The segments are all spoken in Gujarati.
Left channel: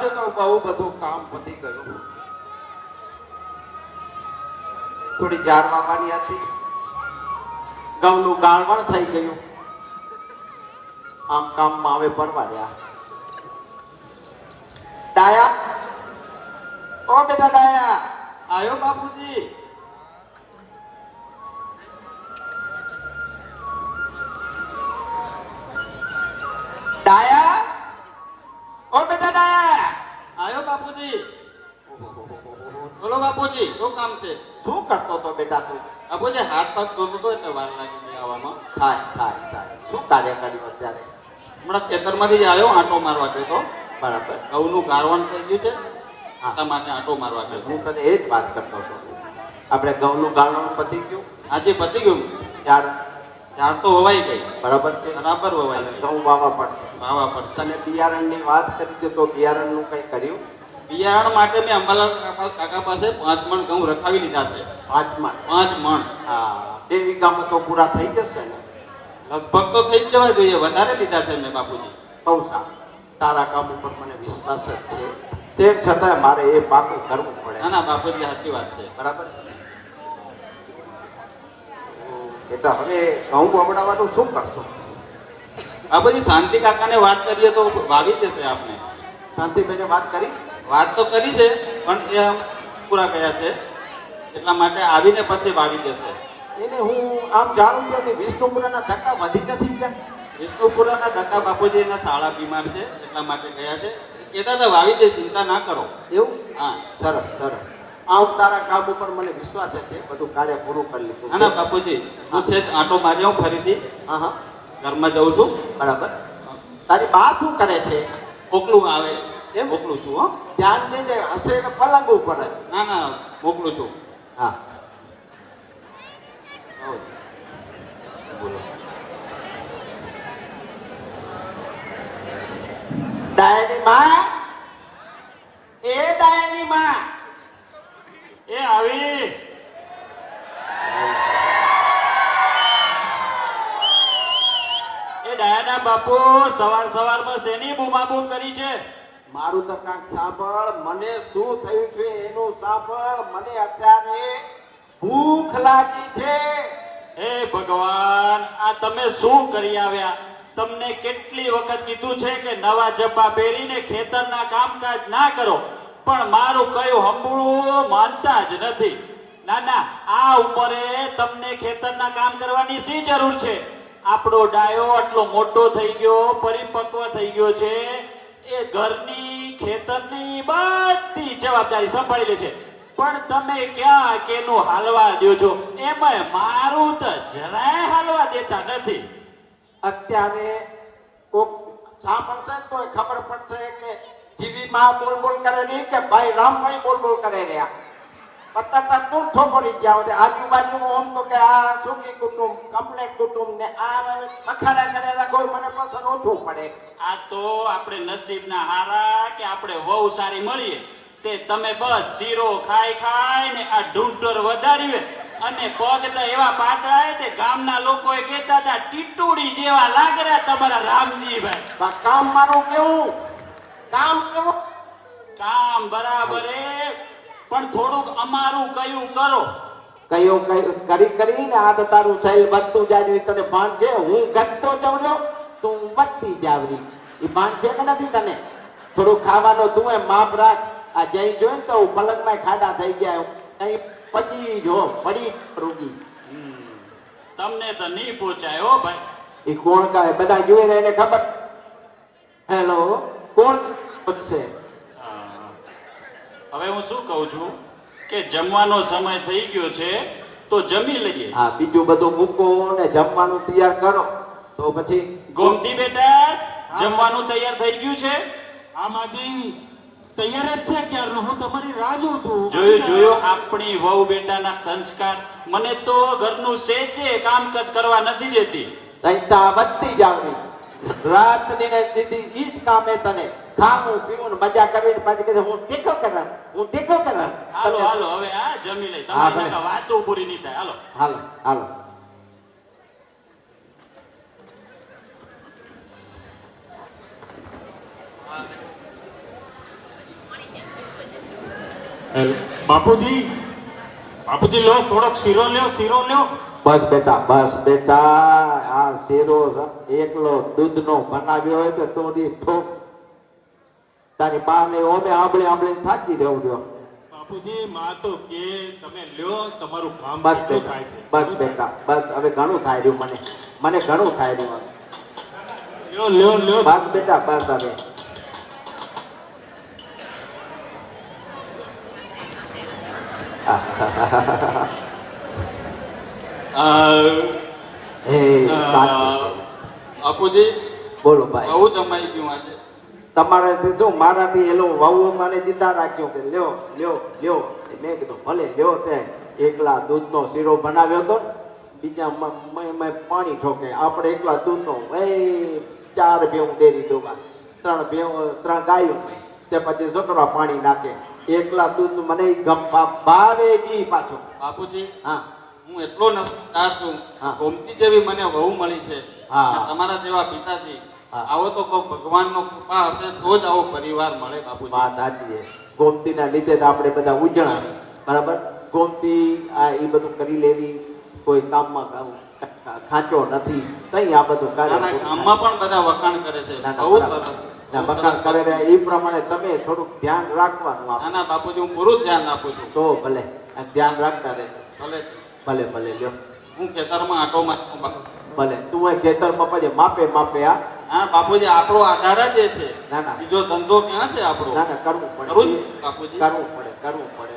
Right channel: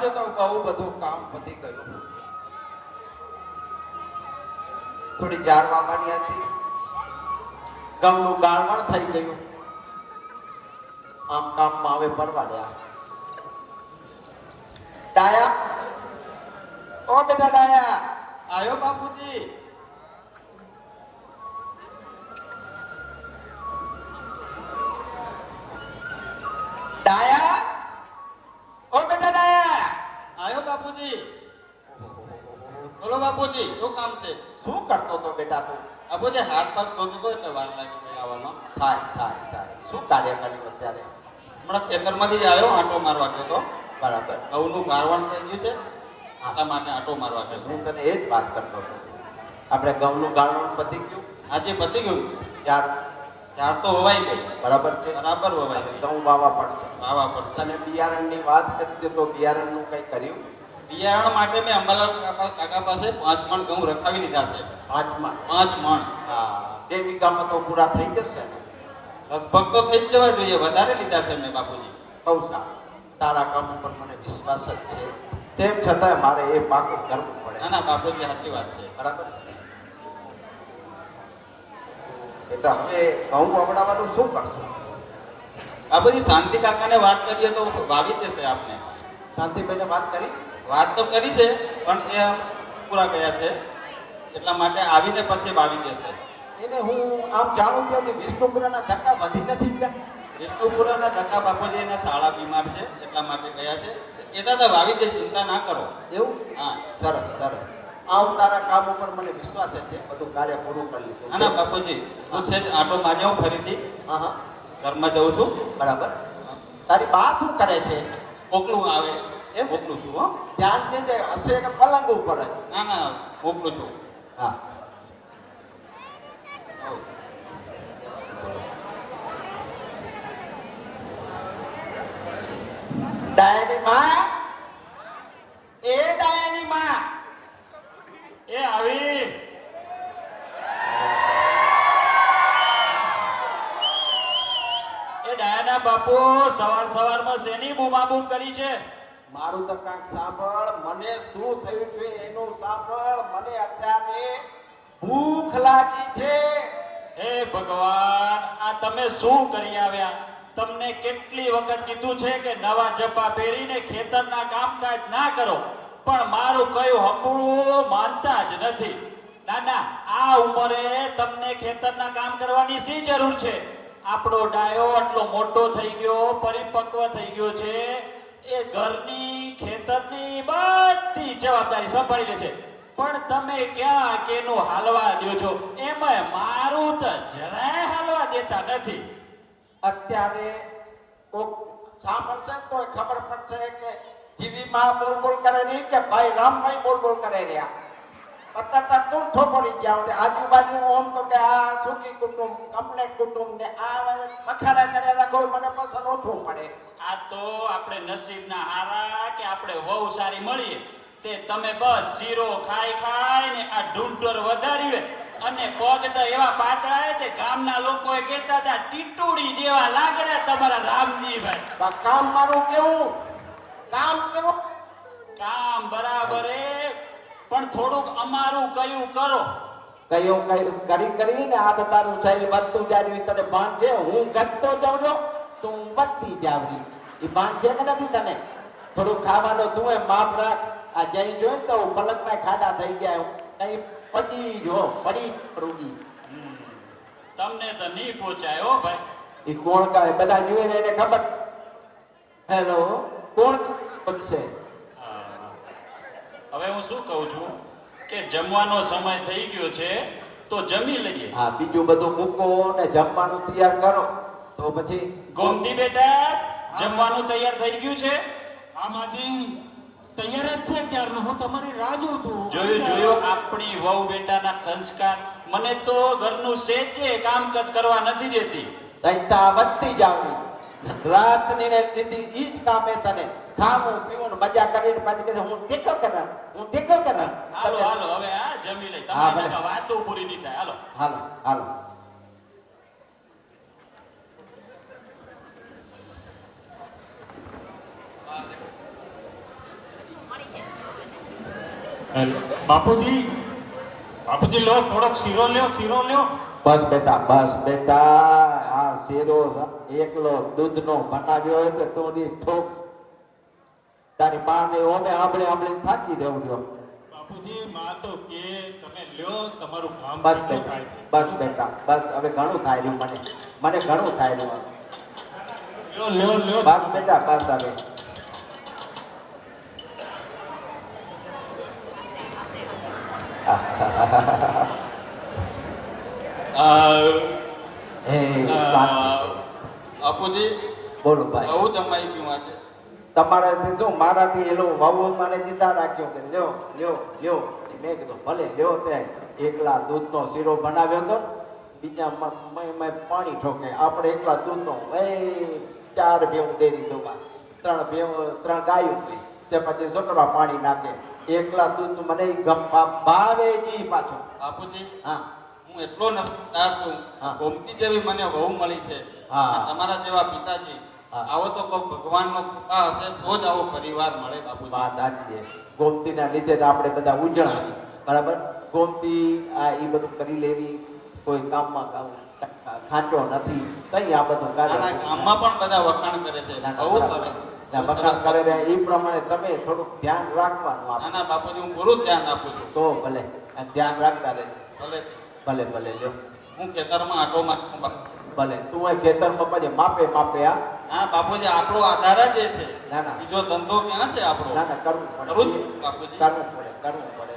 આજે તો બહુ બધું કામ પતી ગયું. થોડી જાર વાવવાની હતી, ઘઉંનું ગાળવણ થઈ ગયું. આમ કામમાં હવે પરવાડ્યા. ડાયા, ઓ બેટા ડાયા, આયો બાપુજી. ડાયા, ઓ બેટા ડાયા, આયો બાપુજી. બોલો બાપુજી, શું કામ છે? શું કરતો તો બેટા તું? બાપુજી હાથ પગ ધોતો તો એટલે વાર લાગી ગઈ આવવામાં. થાય. શું કાર્ય કર્યું અત્યારે? હમણાં ખેતરમાંથી જ આવ્યો, આંટો મારવા ગયો તો. બરાબર. ઘઉંનું ગારવણ થઈ ગયું છે, આટા માટે આંટો મારવા ગયો. હું તને એ જ વાત કરતો હતો. આપણે ઘઉંનું ગારવણ પતી ગયું? આજે પતી ગયું. ચાર તો વવાઈ ગઈ. બરાબર છે. બરાબર વવાઈ ગઈ. ઘઉં વાવવા પડશે. તને બિયારણની વાત કરી દે તો બિયારણનું કંઈ કર્યું? બિયારણ માટે મેં અંબાલાલ કાકા પાસે 5 મણ ઘઉં રખાવી લીધા છે. 5 મણ? હા. 2 વીઘામાં તો પૂરા થઈ જશે ને? લગભગ તો થઈ જ જવા જોઈએ. વધારે લીધા છે મેં બાપુજી. બહુ સારું. તારા કામ ઉપર મને વિશ્વાસ જ છે. તેમ છતાં મારે એ પાકું કરવું પડે. ના બાપુજી સાચી વાત છે. બરાબર. એટલે હવે ઘઉં વાવડાવવાનું શું કરશો? બાપુજી શાંતિ કાકાને વાત કરીએ તો વાવી દેશે આપણે. શાંતિભાઈને વાત તો કરી છે, પણ એ પૂરા ગયા છે, એટલા માટે આવીને પછી વાવી દેશે. એને હું આમ જાણું છું કે વિષ્ણુપુરાના ધક્કા વધી નથી ગયા. વિષ્ણુપુરાના ધક્કા બાપુજીના શાળા બીમાર છે, એટલા માટે ગયા છે. એ તો વાવી દે, ચિંતા ના કરો. એવું? હા. સરસ. આમ તારા કામ ઉપર મને વિશ્વાસ છે, બધું કાર્ય પૂરું કરી લીધું. ના બાપુજી, હું છે આંટો મારી આવું ફરીથી. હા. ઘરમાં જઉં છું. બરાબર. તારી બા શું કરે છે? મોકલું આવે એમ? મોકલું છું. હો, ધ્યાન દેજે. હશે ને પલંગ ઉપર. ના મોકલું છું. હા. દાયાની માં, એ દાયાની માં, એ આવી. એ ડાયાના બાપુ સવારમાં શેની બૂમાબૂમ કરી છે? મારું તો કાંઈક સાંભળ. મને શું થયું છે એનું સાંભળ. મને અત્યારે ભૂખ લાગી છે. હે ભગવાન, આ તમે શું કરી આવ્યા? તમને કેટલી વખત કીધું છે કે નવા જબ્બા પહેરીને ખેતરના કામકાજ ના કરો, પણ મારું કયું હંભળવું માનતા જ નથી. ના, આ ઉંમરે તમને ખેતરના કામ કરવાની શી જરૂર છે? આપણો ડાયો આટલો મોટો થઈ ગયો, પરિપક્વ થઈ ગયો છે, એ ઘરની ખેતરની બધી જવાબદારી સંભાળી લે છે. પણ તમે ક્યાં કેનું હાલવા દો છો? એમાં મારું તો જરાય હાલવા દેતા નથી. અત્યારે કોક સાંભળશે તો ખબર પડશે કે જીવી માં બોલ કરે રહી કે ભાઈ રામભાઈ બોલ કરે રહ્યા. અત્યારે તું થોપડી ગયા આજુબાજુ ઓમ તો કે આ સુખી કુટુંબ, કમ્પ્લેટ કુટુંબ ને આ અખાડા કરેલા કોઈ મને પસંદ ઓછું પડે. આ તો આપણે નસીબના હારા કે આપણે વહુ સારી મળીએ. તે તમે બસ શીરો ખાઈ ને આ ઢૂંઢર વધાર્યું, અને પગ તો એવા પાતળા તે ગામના લોકોએ કહેતા હતા ટીટુડી જેવા લાગરા તમારા રામજીભાઈ. કામ મારું કેવું? કામ બરાબર પણ થોડુંક અમારું કયું કરો. કયું કરીને આ તો તારું શરીર વધતું જાય. તને ભાન છે હું ઘટતો જાઉં છું, તું વધતી જાવરી. એ ભાન છે કે નથી તને? થોડું ખાવાનો તું એ માપ રાખ. આ જઈ જોયું તો પલકમાં ખાડા થઈ ગયા. કઈ પડી રોગી. તમને તો નહીં પહોંચાય હો ભાઈ. એ કોણ કહે? બધા જોઈને એને ખબર. હેલો, કોણ છે? હવે હું શું કહું છું કે જમવાનો સમય થઈ ગયો છે, તો જમી લઈએ. હા, બીજું બધું મૂકો ને જમવાનું તૈયાર કરો તો પછી. ગોમતી બેટા, જમવાનું તૈયાર થઈ ગયું છે? આમાંથી તૈયાર જ છે ક્યારનો. હું તમારી રાહ જોઉં છું. જોયું આપણી વહુ બેટાના સંસ્કાર. મને તો ઘરનું સેજે કામકાજ કરવા નથી દેતી. તૈતા વધતી જાવની. રાતની ને દીધી ઈ જ કામે તને. ખાવું પીવું મજા કરીને પાછી કહે હું ટેકો કરા. હાલો હવે આ જમી લે. તમારી વાતો પૂરી નહીં થાય. હાલો. બાપુજી બાપુજી લો થોડોક શીરો લ્યો બસ બેટા આ શેરો એકલો દૂધનો બનાવ્યો હોય કે તોડી ઠોક તારી બાને ઓને આંબળી થાકી રહેવું જો બાપુજી માં તો કે તમે લ્યો તમારું કામ બસ કેટલું બેટા થાય છે. બસ બેટા બસ હવે ઘણું થાય રહ્યું મને ઘણું થાય રહ્યું લ્યો બસ બેટા બસ હવે હે બાપુજી બોલો ભાઈ આવું જમાઈ ગયું આજે. તમારાથી શું મારાથી એલો વાવો મને દીધા રાખ્યો કે લ્યો મેં કીધું ભલે લ્યો તે એકલા દૂધનો શીરો બનાવ્યો હતો બીજા મેં પાણી ઠોકે આપણે એકલા દૂધનો એ 4 ભેવું દે દીધું 3 ગાયું તે પછી છોકરા પાણી નાખે એકલા દૂધનું મને ભાવે જી પાછું બાપુજી હા હું એટલો નમસ્કાર છું. હા. ગોમતી જેવી મને વહુ મળી છે. હા. અને તમારા જેવા પિતાજી હા. આવો તો કોઈ ભગવાનનો કૃપા હશે તો જ આવો પરિવાર મળે બાપુજી. વાત સાચી છે ગોમતીના લીધે જ આપણે બધા ઉજળા બરાબર ગોમતી આ એ બધું કરી લેવી કોઈ કામમાં ખાંચો નથી કઈ આ બધું મારા ગામમાં પણ બધા વખાણ કરે છે. બહુ સરસ. વખાણ કરે છે એ પ્રમાણે તમે થોડુંક ધ્યાન રાખવાનું આપણે નાના બાપુજી હું પૂરું જ ધ્યાન આપું છું. તો ભલે આ ધ્યાન રાખતા રહેજો ભલે ભલે લ્યો હું ખેતરમાં આટો મારું બાપુ. ભલે તું એ ખેતરમાં પછી માપે આ હા બાપુજી આપણો આધાર જ એ છે. ના ના બીજો ધંધો ક્યાં છે આપણો? ના કરવું કરું જ પડે બાપુજી. કરવું પડે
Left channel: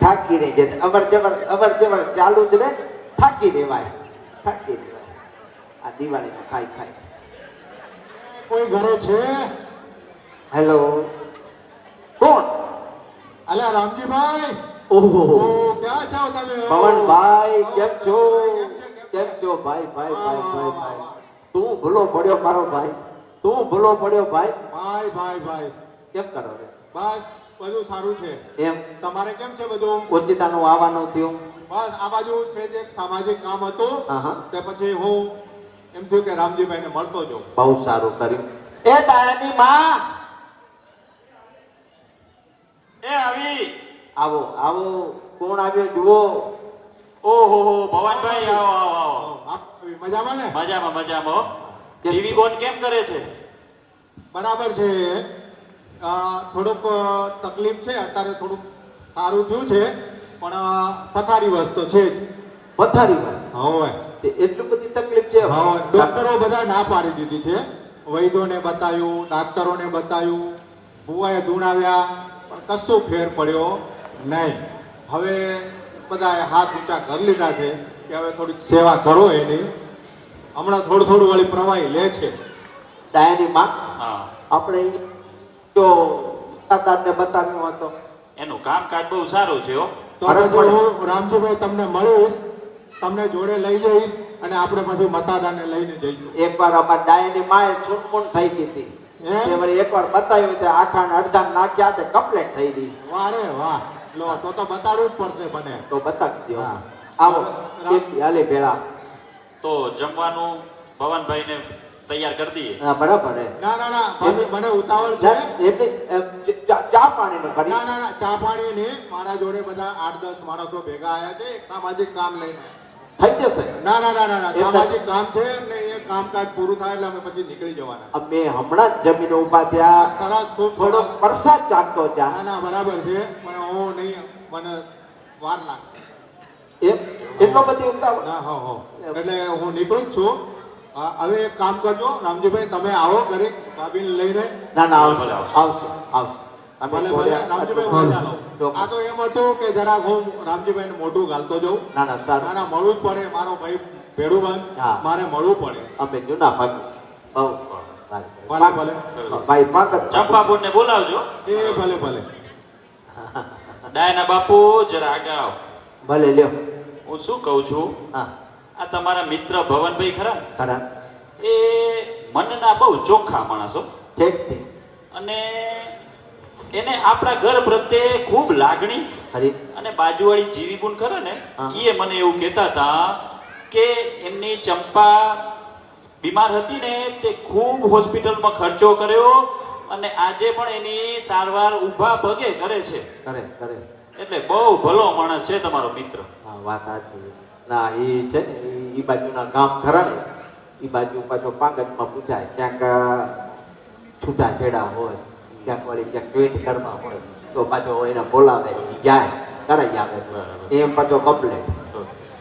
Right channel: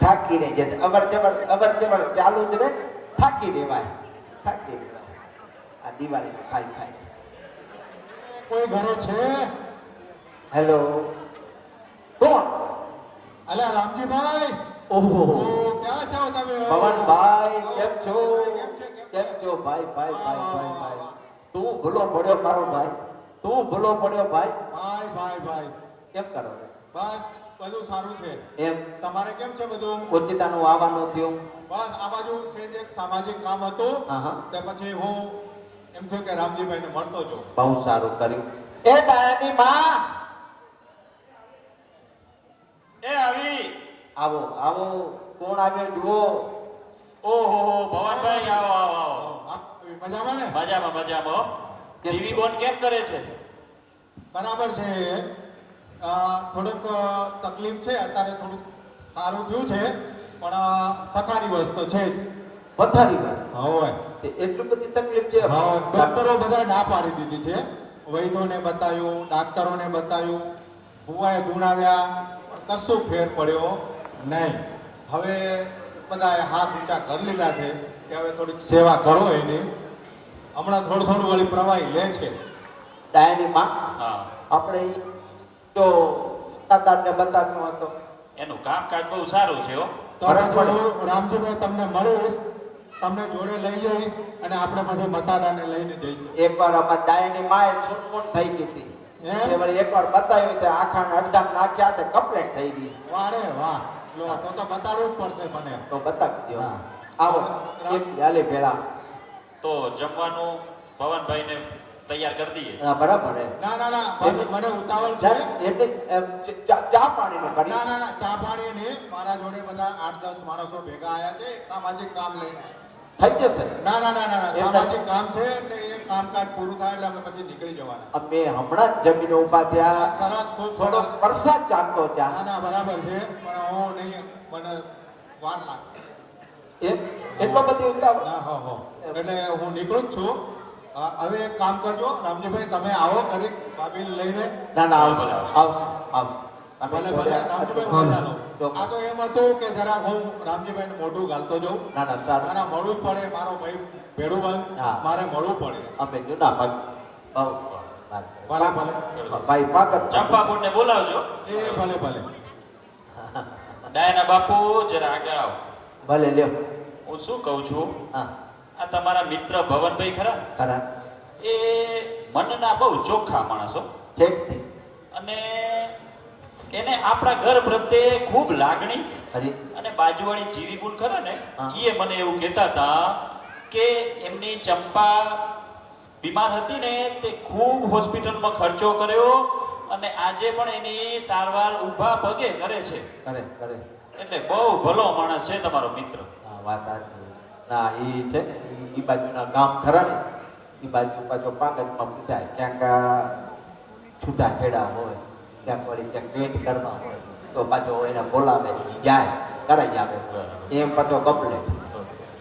થાકી રહી છે અવર જવર ચાલુ જ રહે થાકી રેવાય આ દિવાળીમાં ખાઈ કોઈ ઘરે છે હેલો કોણ અલ્યા રામજીભાઈ ઓહો ક્યાં છો તમે પવનભાઈ કેમ છો ભાઈ તું ભૂલો પડ્યો મારો ભાઈ ભાઈ કેમ કરો છો બસ બધું સારું છે એમ તમારે કેમ છે બધું ઓચિતાનું આવવાનું થયું બસ આ બાજુ છે જે એક સામાજિક કામ હતું હા તે પછી હું એમ થયું કે રામજીભાઈને મળતો જો બહુ સારું કર્યું એ દાયાની માં એ આવી આવો કોણ આવ્યો જુઓ ઓહો ભવનભાઈ આવો આપ મજામાં ને મજામાં ટીવી કોણ કેમ કરે છે? બરાબર છે થોડુંક તકલીફ છે અત્યારે થોડુંક સારું થયું છે પણ પથારી વસ્તુ છે જ પથારી વાત હવે એટલું બધી તકલીફ છે હા ડોક્ટરો બધા ના પાડી દીધી છે વૈદ્યોને બતાવ્યું ડાક્ટરોને બતાવ્યું ભુવાએ ધૂણાવ્યા પણ કશું ફેર પડ્યો નહીં હવે બધાએ હાથ ઊંચા કરી લીધા છે કે હવે થોડીક સેવા કરો એની હમણાં થોડું વળી પ્રવાહી લે છે દાયાની માં હા, આપણે તો દાદાને બતાવ્યું હતો એનું કામકાજ બહુ સારું છે હો. તો પછી હું રામજીભાઈ તમને મળીશ તમને જોડે લઈ જઈશ અને આપણે પછી મતાદાને લઈને જઈશું એકવાર અમારા દાયાની માએ છૂટમૂટ થઈ ગઈ હતી હે? તે વળી એકવાર બતાવ્યું તે આખા ને અડધા નાખ્યા તે કમ્પ્લેટ થઈ ગઈ વાહ રે વાહ લો તો બતાડવું જ પડશે મને તો બતાવી દો હા. આવો એક હાલે ભેળા તો જમવાનું ભવનભાઈને તૈયાર કરી દઈએ. હા બરાબર હે ના મને ઉતાવળ છે એટલે ચા પાણીને કરી ના ચા પાણી ને મારા જોડે બધા 8-10 માણસો ભેગા આયા છે એક સામાજિક કામ લઈને થઈ જશે ના સામાજિક કામ છે એટલે એ કામકાજ પૂરું થાય એટલે અમે પછી નીકળી જવાના અમે હમણાં જ જમીન ઉભા થયા સરસ ખૂબ થોડો સરસ વરસાદ ચાલતો ત્યાં ના બરાબર છે પણ હું નહીં મને વાર લાગે એમ એટલો બધી ઉતાવળ ના હો એટલે હું નીકળું જ છું હવે એક કામ કરજો રામજીભાઈ તમે આવો ઘરે ભાભીને લઈને ના આવશે અમે ભલે બોલ્યા. રામજીભાઈ મજાનો. આ તો એમ હતું કે જરાક હું રામજીભાઈને મોઢું ગાલતો જઉં ના સારું મળવું જ પડે મારો ભાઈ ભેડુભાઈ હા. મારે મળવું પડે અમે જૂના ભાગ બહુ ભલે ભાઈ પાક ચંપાપુરને બોલાવજો. એ ભલે ડાયના બાપુ જરા આગળ આવો. ભલે લ્યો હું શું કહું છું હા આ તમારા મિત્ર ભવનભાઈ ખરા ને? ખરા એ મનના બહુ ચોખ્ખા માણસો ઠીક અને એને આપણા ઘર પ્રત્યે ખૂબ લાગણી ખરી અને બાજુવાળી જીવીબુન ખરા ને હા. એ મને એવું કહેતા હતા કે એમની ચંપા બીમાર હતી ને તે ખૂબ હોસ્પિટલમાં ખર્ચો કર્યો અને આજે પણ એની સારવાર ઊભા પગે કરે છે. કરે એટલે બહુ ભલો માણસ છે તમારો મિત્ર. હા વાત સાચી ના એ છે ને એ બાજુના ગામ ખરા ને એ બાજુ પાછો પાંગતમાં પૂછાય ક્યાંક છૂટા છેડા હોય ક્યાંક વળી ક્યાંક પેટ ઘરમાં હોય તો પાછો એને બોલાવે ઈ જાય કરાઈ આપે એમ પાછો કપલે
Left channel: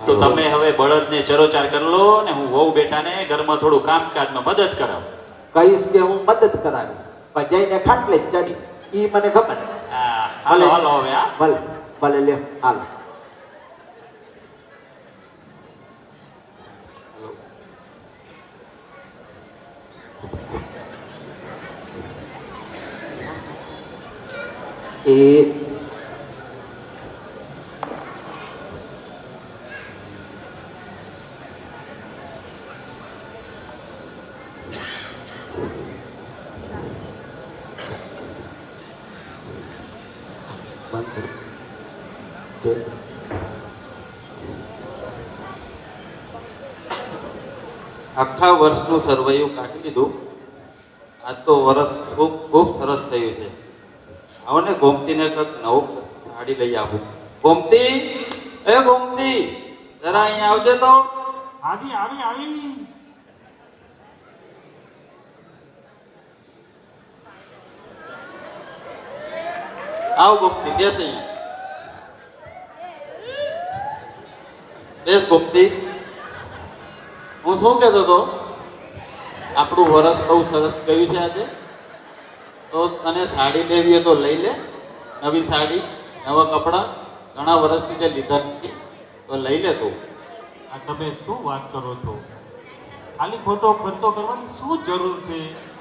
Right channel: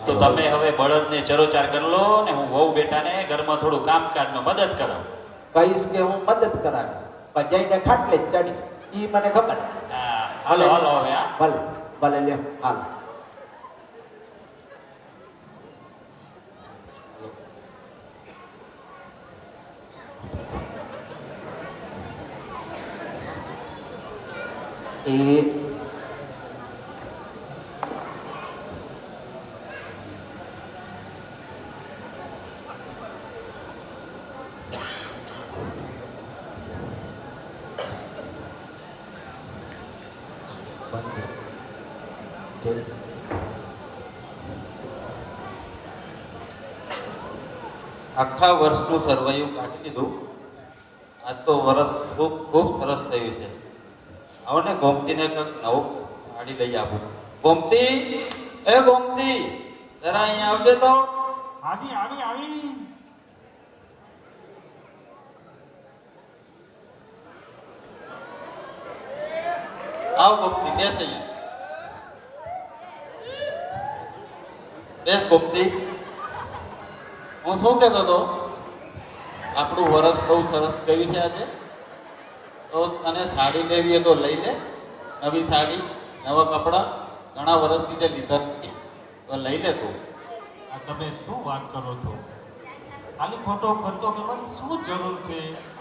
તો તમે હવે બળદને ચરોચાર કરી લો ને હું વહુ બેટાને ઘરમાં થોડું કામકાજમાં મદદ કરાવું. કહીશ કે હું મદદ કરાવીશ પણ જઈને ખાટલે જ ચડીશ ઈ મને ખબર હા, હાલો હાલો હવે હા. ભલે ભલે લ્યો હાલો એ આખા વર્ષનું સરવૈયું કાઢી દીધું. આજ તો વર્ષ ખૂબ ખૂબ સરસ થયું છે. આવો ને ગોમતીને કંઈક નવું સાડી લઈ આવું. ગોમતી, એ ગોમતી, જરા અહીંયા આવજે તો. આવી આવ ગોમતી, બેસ અહીંયા. બેસ ગોમતી. હું શું કહેતો હતો, આપણું વરસ બહુ સરસ ગયું છે આજે. તો તને સાડી લેવી હોય તો લઈ લે, નવી સાડી, નવા કપડાં. ઘણા વર્ષથી તે લીધા નથી તો લઈ લે તું. આ તમે શું વાત કરો છો? ખાલી ખોટો ખર્ચો કરવાની શું જરૂર છે?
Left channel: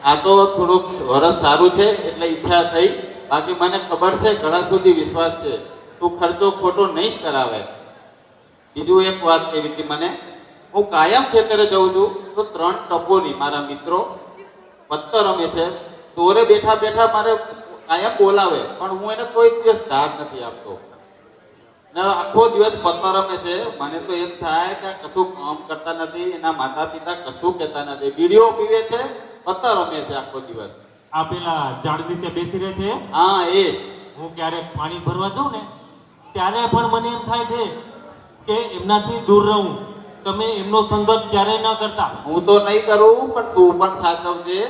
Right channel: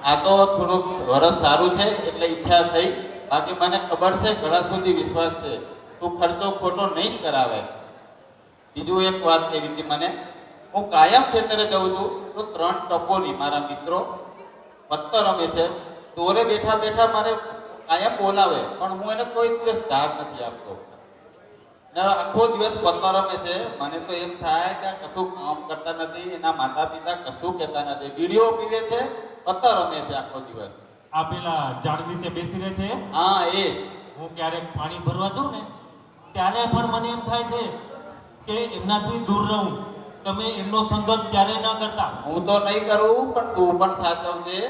આ તો થોડુંક વરસ સારું છે એટલે ઈચ્છા થઈ. બાકી મને ખબર છે ઘણા સુધી વિશ્વાસ છે તું ખર્ચો ખોટો નહીં જ કરાવે. બીજું એક વાત એવી હતી મને, હું કાયમ ખેતરે જાઉં છું તો 3 ટપોલી મારા મિત્રો પત્તર રમે છે. ચોરે બેઠા બેઠા મારે કાયમ બોલાવે પણ હું એને કોઈ દિવસ ધાર નથી આપતો. ને આખો દિવસ પત્તર રમે છે. મને તો એમ થાય કે આ કશું કામ કરતા નથી, એના માતા પિતા કશું કહેતા નથી, બીડીઓ પીવે છે, પત્તર રમે છે આખો દિવસ. આ પેલા ઝાડ નીચે બેસી રહે છે. હા એ હું ક્યારેક પાણી ભરવા જાઉં ને ત્યારે પણ મને એમ થાય છે કે એમનાથી દૂર રહું. તમે એમનો સંગત ક્યારેય ના કરતા. હું તો નહીં કરું પણ તું પણ સાચવજે.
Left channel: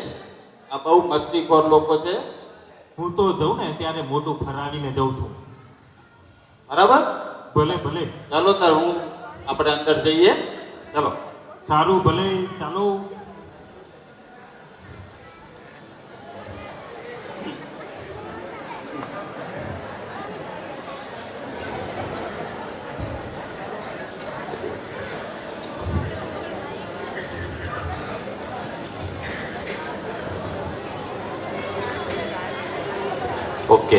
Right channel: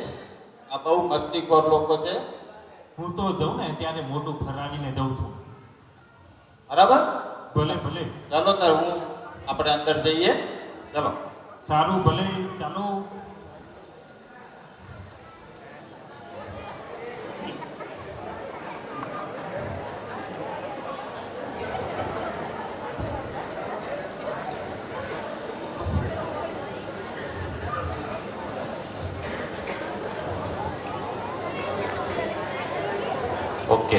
આ બહુ મસ્તીખોર લોકો છે. હું તો જાઉં ને ત્યારે મોઢું ફરાવીને જઉં છું. બરાબર, ભલે ભલે ચાલો તાર હું આપણે અંદર જઈએ. ચાલો. સારું ભલે ચાલો. ઓકે.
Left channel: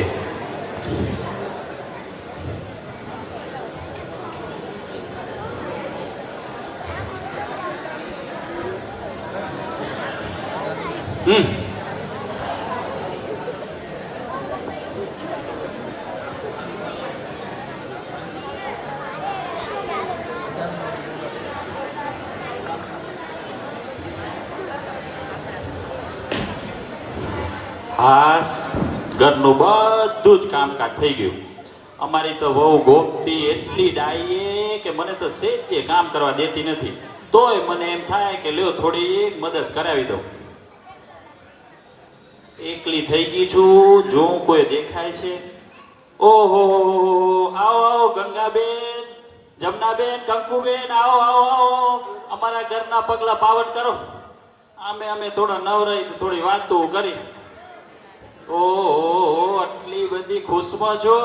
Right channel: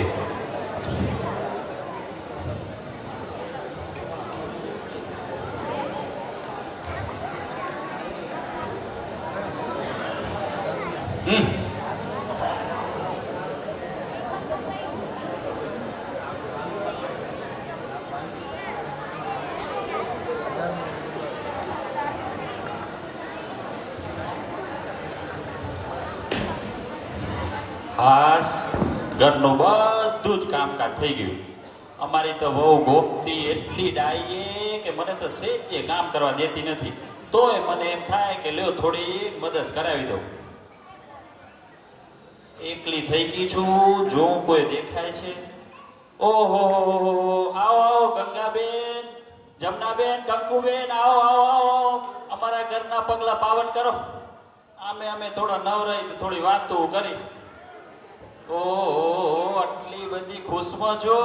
હાસ ઘરનું બધું જ કામકાજ થઈ ગયું. અમારી તો વહુ ગોમતી એટલી ડાયે કે મને તો સેજે કામ કરવા દેતી નથી. તોય મને એમ થાય કે લ્યો થોડી મદદ કરાવી દઉં. એકલી થઈ ગઈ છું, જો કોઈ દેખાય છે. ઓહો, આવો આવો ગંગાબેન, જમનાબેન, કંકુબેન, આવો આવો આવો, અમારા ઘરના પગલા પાવન કરો. અમે થોડા નવરાઈ થોડી વાતો કરી. ઓહો, આટલી બધી ખુશમાં છો,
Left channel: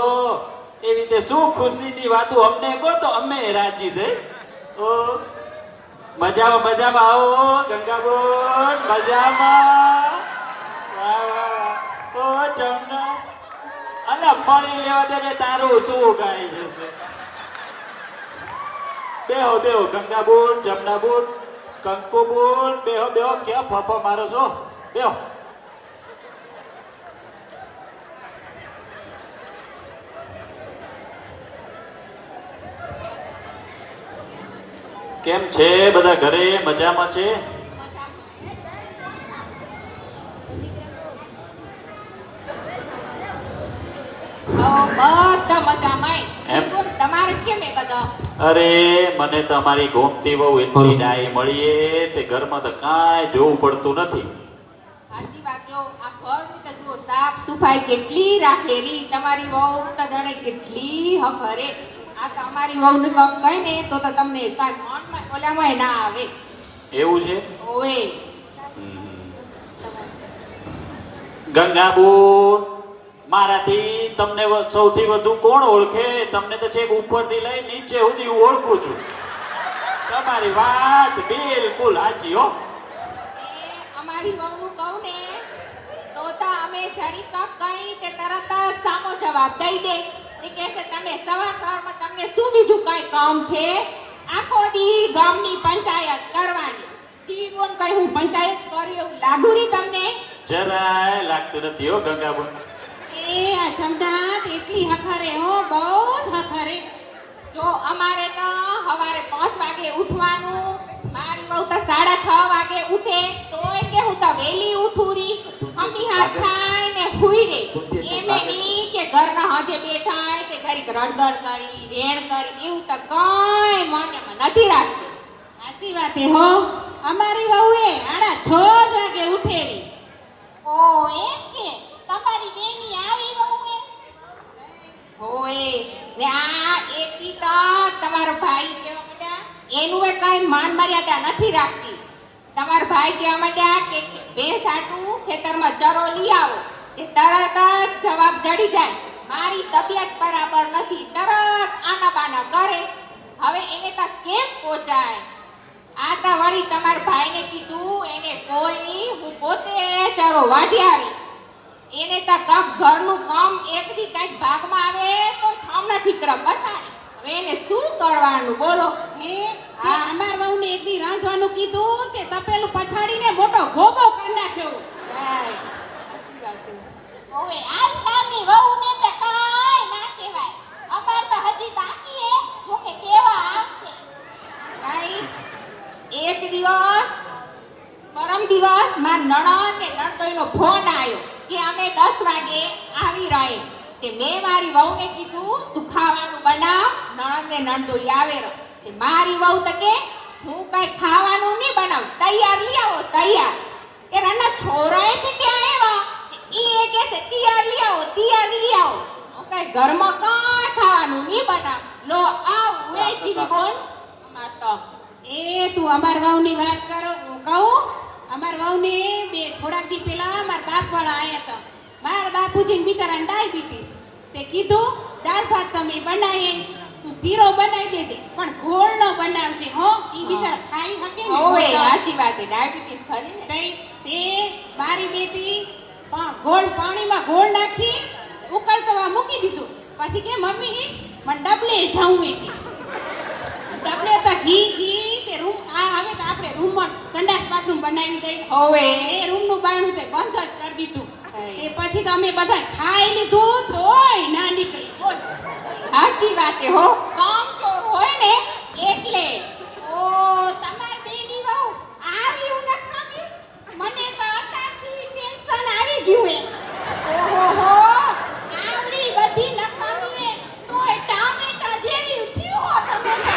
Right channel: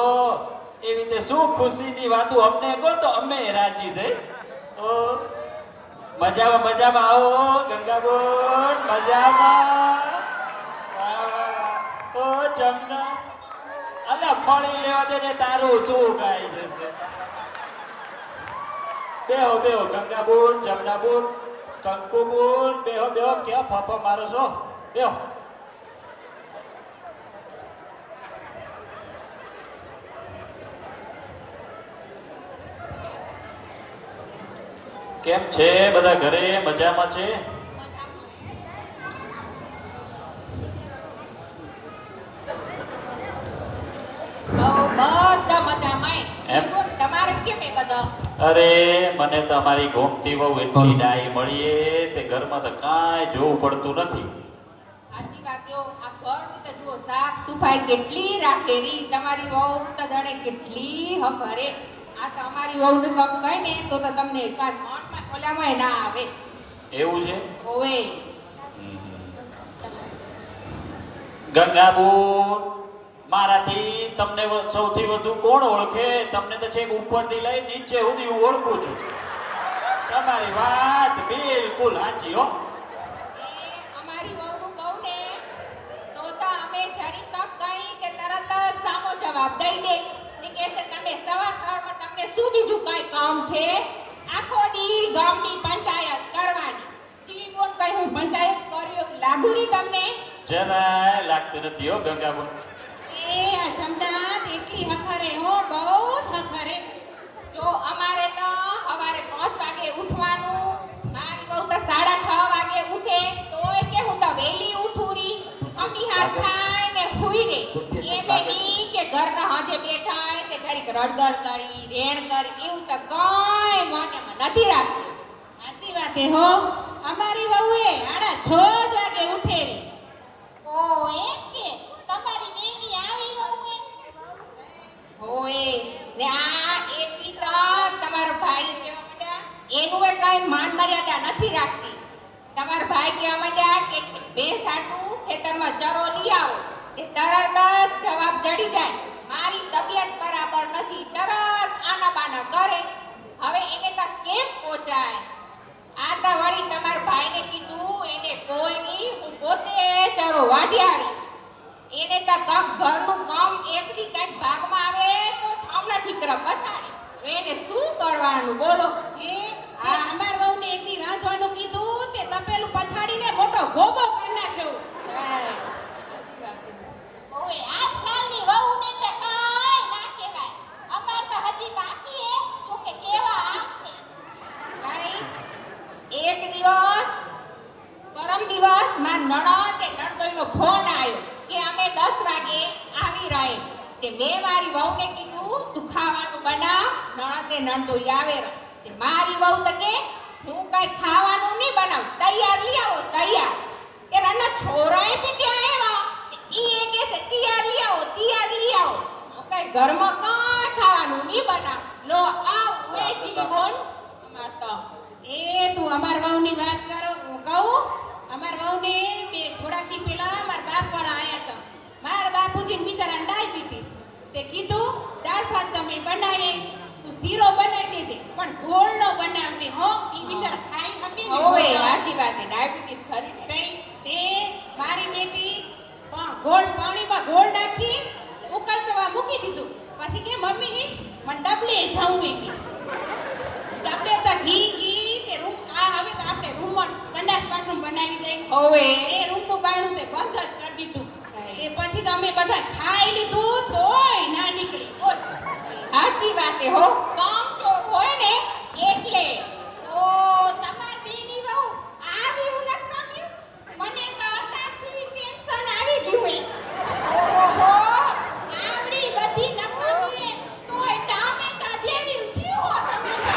એવી રીતે શું ખુશીની વાતો અમને કહો તો અમે રાજી થઈ. ઓ મજામાં આવો ગંગાબેન, મજામાં. વાહ, વાહ. ઓ જમના, અલા પાણી લેવા દે ને, તારું શું ગાય છે? બેહો બેહો ગંગાબુન જમનાબુન કંકુબુન બેહો બેહો ક્યાં ફાફા મારો છો બેહો. કેમ છે બધા ઘરે મજામાં છે? બધા મજામાં. એમ? તમારે કેમ એ બધા? અરે મને તો અમારી ગોમતી વહુ એટલી ડાઈ મળીએ તે ઘરમાં તો કાંઈ જોવું પડતું નથી. સાચી વાત જો આ ઘરનું તો જુઓ સાફ સફાઈ કેટલી રાખેલી. તમારી વહુ તો જાણે કેટલી હફરે. આ તો અમારી વહુને કમ કહે ને તો તમને કાંઈ મનમાં ઓલામાં ના આવે. એવું છે? ઓવે ગંગાબુન મારાથી તમને સૌથી વધુ કોણ ઓળખે? તમને તો છેક ઉપરથી લઈ નીચે સુધી હું ઓળખું છું. તમારી વાત બિલકુલ સાચી હો. અમારી વહુનું કહું ને તો અમે જરી કપ કઈ તે તરત જ સામો જવાબ દઈ દે. એ કહે છે તમે સવારમાં તમને શું બીજું કઈ કામ છે? આખો દી ગામની પંચાયત કરવાની. જીવી બોલ કઈ હું પંચાયત કરી એવું લાગુ રી તમને? જરાય લાગતું નથી હો ગંગાબુન. એ આ જમનાથ એટલી હખરે હો, બહુ જ હખરે. જો અમારે તો સવારે 5 વાગે ઉઠવાનું. મારી બહુ તો 6:30 વાગે ઉઠે તોય કે હું તો વહેલી ઉઠું રી. મમ્મી હાથ ખાય ને હુઈ રે. એમે ની કે ઘરના હાજે બેઠાય કે જરીક રડગડ કરી રેણ કરી એવું તો કઈ મને નથી રાખતી. સાચી વાત હો. અમારી વહુએ 6:30 વાગે ઉઠે રી. ઓ એમ કે તમારી બેની આવી વહુએ? ઓય ને આ એકલી તો તમારો ભાઈ કેવા માંડ્યા એનું એ કઈ માન મર્યાદા નથી રાખતી. તમારો ભાઈ કેવા માંડ્યા કે ભેંસ આટું ખેતરમાં ચરો લઈ આવો એ તરત જ જવાબ જડી જાય મારી તબિયત બરાબર નથી. તરત આના બાના કરે. હવે એને તો કેમ પહોંચાય? આ તો વળી તમારા ભાઈને કીધું એને કોઈ નહીં, હું પોતે ચરો વાઢી આવી. એને તો કક ઘરનું કામ એકથી કઈક ભાગમાં આવે તો ઠામના ઠીકરા પછાડે. એને શું કરવાનું બોલો? આ અમાર વહુને એકદી રાંધવાનું કીધું કે તપેલું પછાડીને મોટો ગોબો કરી નાખ્યો. ઓય આજકાલની વહુને તો કાંઈ ના કહેવાય. અમાર તો હજી બાકી હે જો કે કેવા આવશે. ભાઈ એક દિવસ પરમ દિવસ માર નણંદ ને નણદોઈનો ફોન આવ્યો કે અમે 10 વાગે આવી રહે. તે મેં મારી વહુને કીધું તું ખાવાનું બનાવ, નણંદ ને નણદોઈ આવે. તે મારી વહુ તો કે હું કઈ ખાવાનું નહીં બનાવું, તૈયાર લઈ આવો તૈયાર. કે રાના છોરાએ કે ક્યાં આવ્યા? ઈ એ કે છે તૈયાર લઈ આવો તૈયાર લઈ આવો. હું કઈ ઘરમાં કાંઈ ખાવાનું નહીં બનાવ. લો આવ વે જીવી બોલ અમાર તો. એ તું અમાર વહુની વાત કરો કહું. અમાર વહુને થોડાક દી પહેલા મારા બાપવાળા આયા હતા. મારા બાપુજીને બિચારાને ડાયાબિટીસ. તે કીધું દાળ ભાત તમે બનાવીએ તું શીરો બનાવી દેજે પણ ગોળનો બનાવજે હો. ઈ બિચારા ખાઈ શકે ને. ઓય સાચી વાત છે ડાયાબિટીસ ખરી ને. તે મારી બેટી ગોળ પાણીમાં ગોળ નાખી ઉકળવા મૂકી દીધું. પછી કે મમ્મી મને ડબલે જાવું એ ડબલે તો ઘી કે રૂમ આ હવે તો આપણે રૂમમાં સંડાસ બાથરૂમ બનાવી દઈ. હવે એ રૂમનું બારણું તે બંધ જ કરી દીધું. તે પછી તો અમે બધા ખાઈ લીધું તોય ના નીકળી. સાચી વાત હો. કામ ચોર હોય ને એટલે. ઓ તમાર બેની વહુ આવી નથી. મને તો અત્યારથી ટેન્શન આવી ગયું હે. ઓહો આવડી બધી નકરી કોઈ ટામેટા જેવી થયું હોત તમે.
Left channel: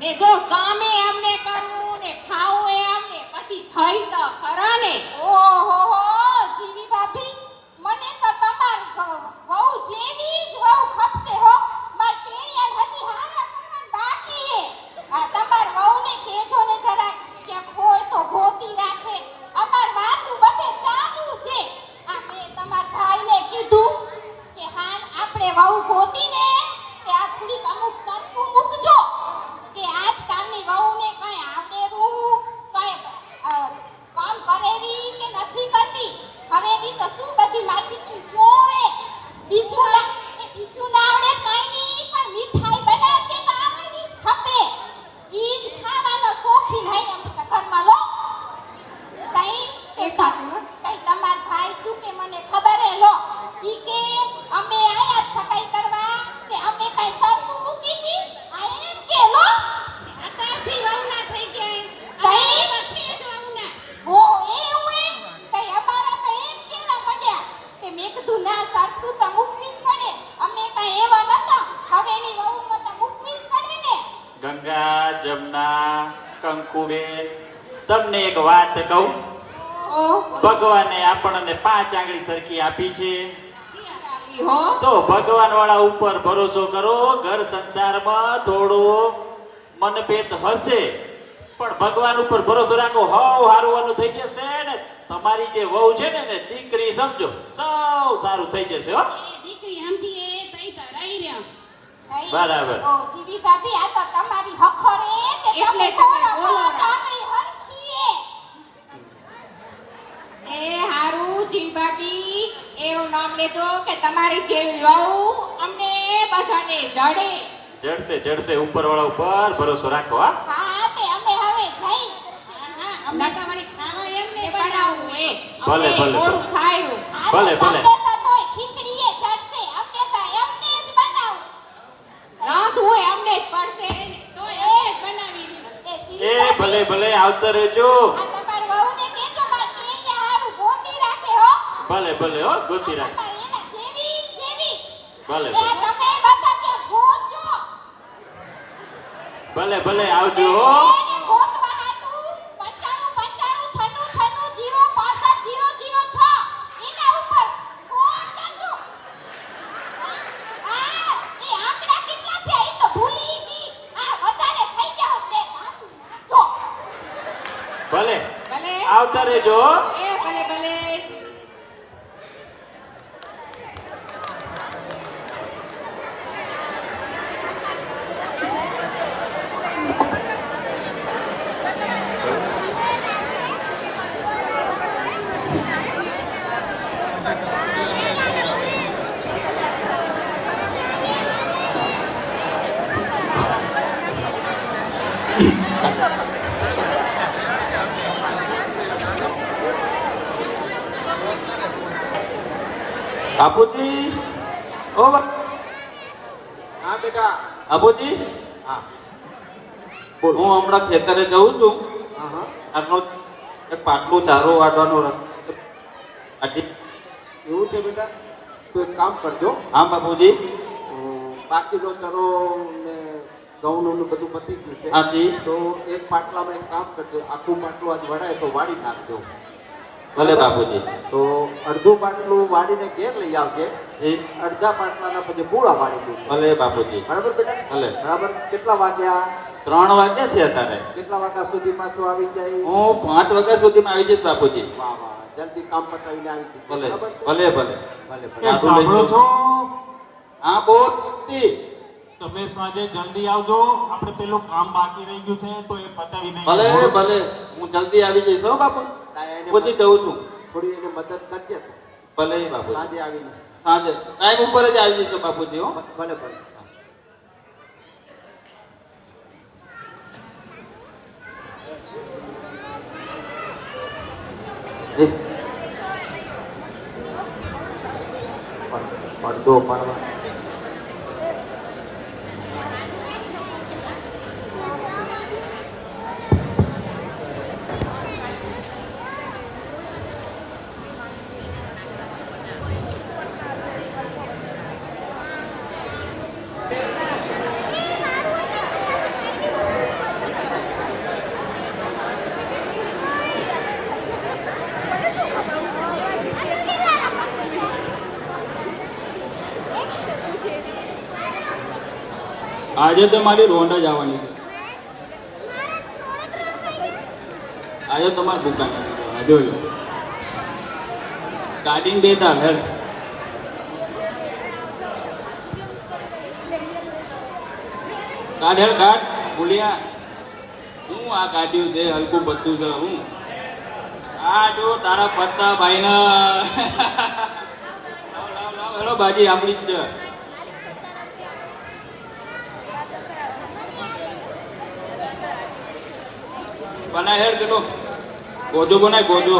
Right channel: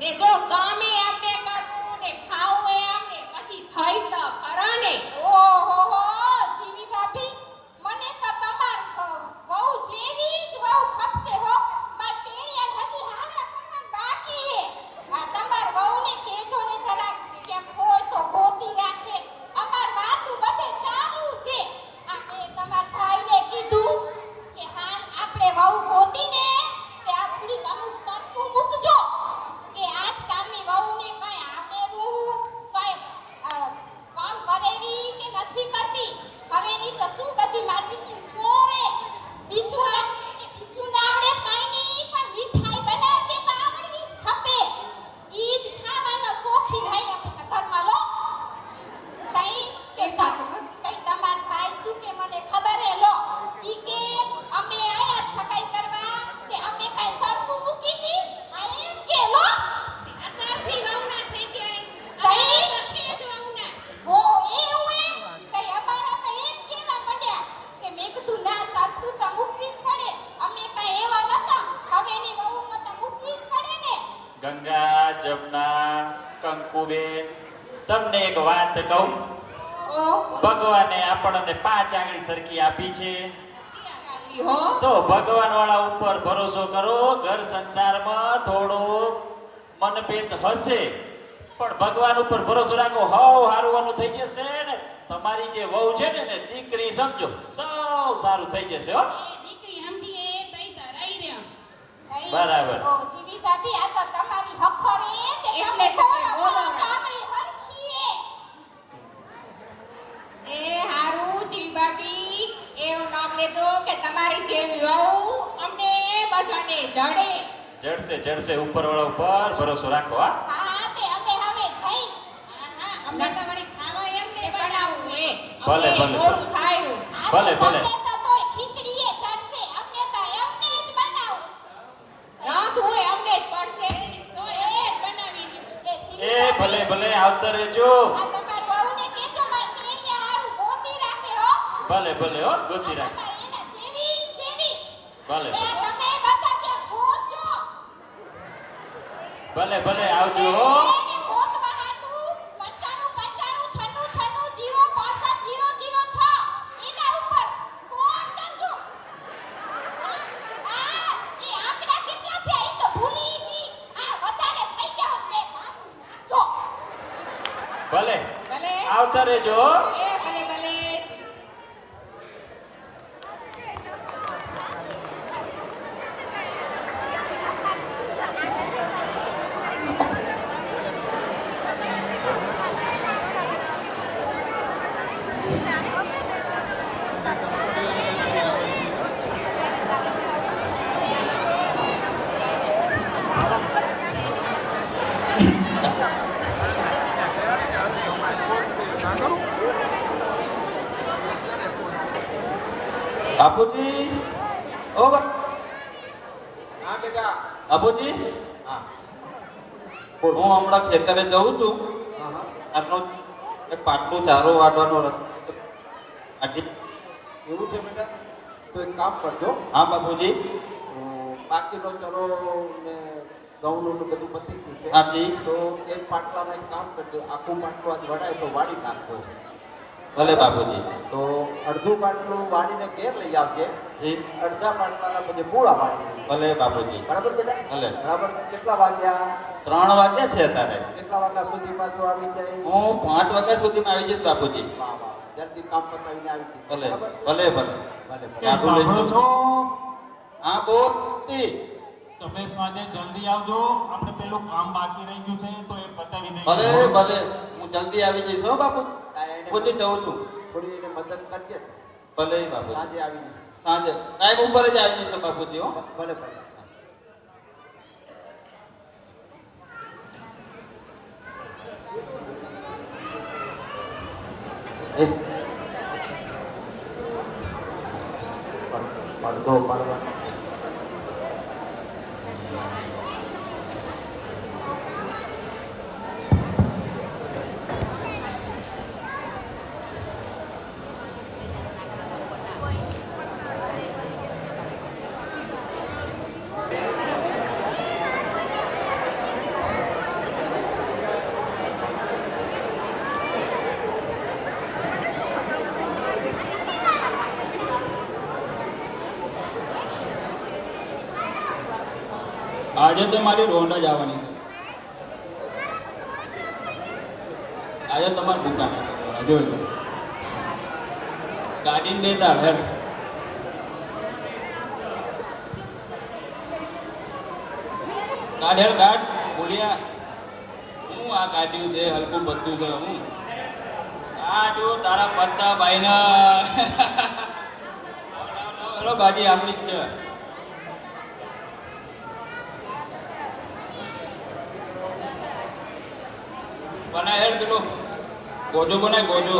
ને જો કામે અમને કરવું ને ખાવું એ અમને પછી ખાઈ તો ખરા ને. ઓ જમના, કંકુબેન, તમને એક વાત કહું. ઓહ, ભગવાને આપણને 5 આંગળી સરખી આપી છે. આપી હો. તો ભગવાન વાળા ઉપર ભરોસો કરો. ઘર સંસારમાં થોડો મનભેદ હશે, પણ ભગવાન ઉપર ભરોસો રાખો. હવ હારું થઈ જશે ને. તમારી જે વહુ છે ને એને દીકરી સમજો, સૌ સારું થઈ જશે હો. દીકરી સમજીએ તઈ તો રહી રહ્યા. બરાબર. ઓ જીવી ભાભી, આ તો તમારી હખરે તે એટલે તમે બોલો ચાંગળી હરખીએ. એ હારું જીવી ભાભી, એવું નામ લેજો કે તમારી જેવી વહુ અમને બધાને જડે. જડશે ઉપર વાળા ઉપર ભરોસો રાખો. હા હા, તે અમે હવે જઈ. હા અમને તો વળી ખાવો એમ તે ને બનાવું એ. ભલે, અમને ભલે, મોડું ભલે. થાયું. ભલે, ભલે. તમને તો તોય ખીચડીએ ચડશે, અમને તો એમને જ બનાવું. રાંધવું હોય અમને જ પડશે. તો એ જ બનાવી દઉં. એ જીવી એ ભાભી, ભલે આવતા રહેજો. આ તમારી વહુને કહેજો મારી ટીમને હારું ગોતી રાખે હો. ભલે હો, ગોતી રાખ. તમારે એના જેવી. ભલે એ તમે બધા ક્યાં ગોતજો. ભલે આવજો હો. એને ગોતવા હાટુ 95 96 96 065 006 એના ઉપર ફોન કરજો. એ આંકડા કેટલા છે એ તો ભૂલી ગઈ. આ વધારે થઈ ગયા હોત ને કાપી નાખજો. ભલે ભલે. આવતા રહેજો હો. એ ભલે. બાપુજી, ઓ હા બેટા. બાપુજી, હા હું હમણાં ખેતરે જઉં છું. હા આટલો એક પાટલું ચારો વાળવાનો એવું છે બેટા, તો એક કામ કરજો. હા બાપુજી. બાકીનો ચરો ને ઘઉંનું ને બધું પતી ગયું છે. હાજી. તો એક પાટલામાં એક કામ કરજો, આખું પાટલું આજ વડાય તો વાળી નાખજો. ભલે બાપુજી. તો અડધું પાટલું વાળીને ઘેર લઈ આવજે. અડધા પાટલાના પછી પૂળા વાળી દે. ભલે બાપુજી. બરાબર બેટા? ભલે. બરાબર. કેટલા વાગ્યા? 3 વાગ્યા છે અત્યારે. કેટલા વાગ્યા સુધી પાછું આવી જાય? હું 5 વાગ્યા સુધીમાં આવી જઈશ બાપુજી. વાહ જલ્દી કામ પતાવીને આવી જઈશ. ભલે બરાબર? ભલે ભલે. એ સાંભળો છો? હા બોલતી. તમે સાંજે જલ્દી આવજો. આપણે પેલું કામ બાકી રહી ગયું છે તો એ પતાવી દઈએ. ભલે હું જલ્દી આવી જઈશ હો બાપુ. પહોંચી જઉં છું. થોડી એને મદદ કરજે. ભલે બાપુ. સાંજે આવીને. સાંજે ટાઈમ ઉપર જ આવી જઈશ બાપુજી હો. ભલે પડદો પાડવા. આજે તો મારી રોંડ જ આવવાની છે. આજે તમારી દુકાન જોઈ કાઢીને દેતા ઘર કાઢ ભૂલ્યા હું આ કાઢ્યું છે હલકું બધું છે હું આ જો તારા પત્તા ભાઈના લાવ બાજી આપણી જ છે. બનાય હેડ કેનો ગોજો બનાય ગોજો.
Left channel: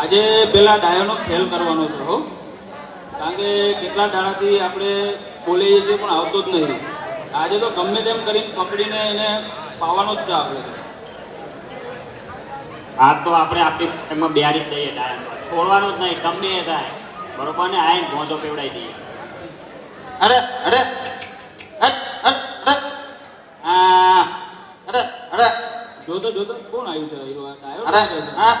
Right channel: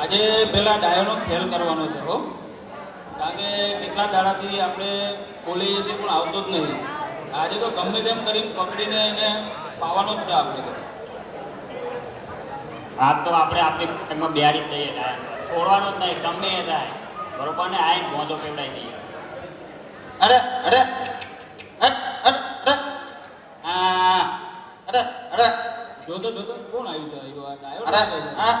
આજે પેલા ડાયોનો ફેલ કરવાનો છે હો, કારણ કે કેટલા દાડાથી આપણે બોલીએ છીએ પણ આવતો જ નથી. આજે તો ગમે તેમ કરી પકડીને એને પાવાનો જ છે આપણે. આ તો આપણે આપણી પતંગમાં બેહાડી જ દઈએ ડાયરેક્ટ. છોડવાનું જ નહીં, ગમે એ થાય બરોબર ને. આઈને મોજો પેવડાઈ દઈએ. અરે અરે હટ હટ અરે આ અરે અરે જોતો જોતો કોણ આવ્યું છે એવું આ આવ્યો? અરે હા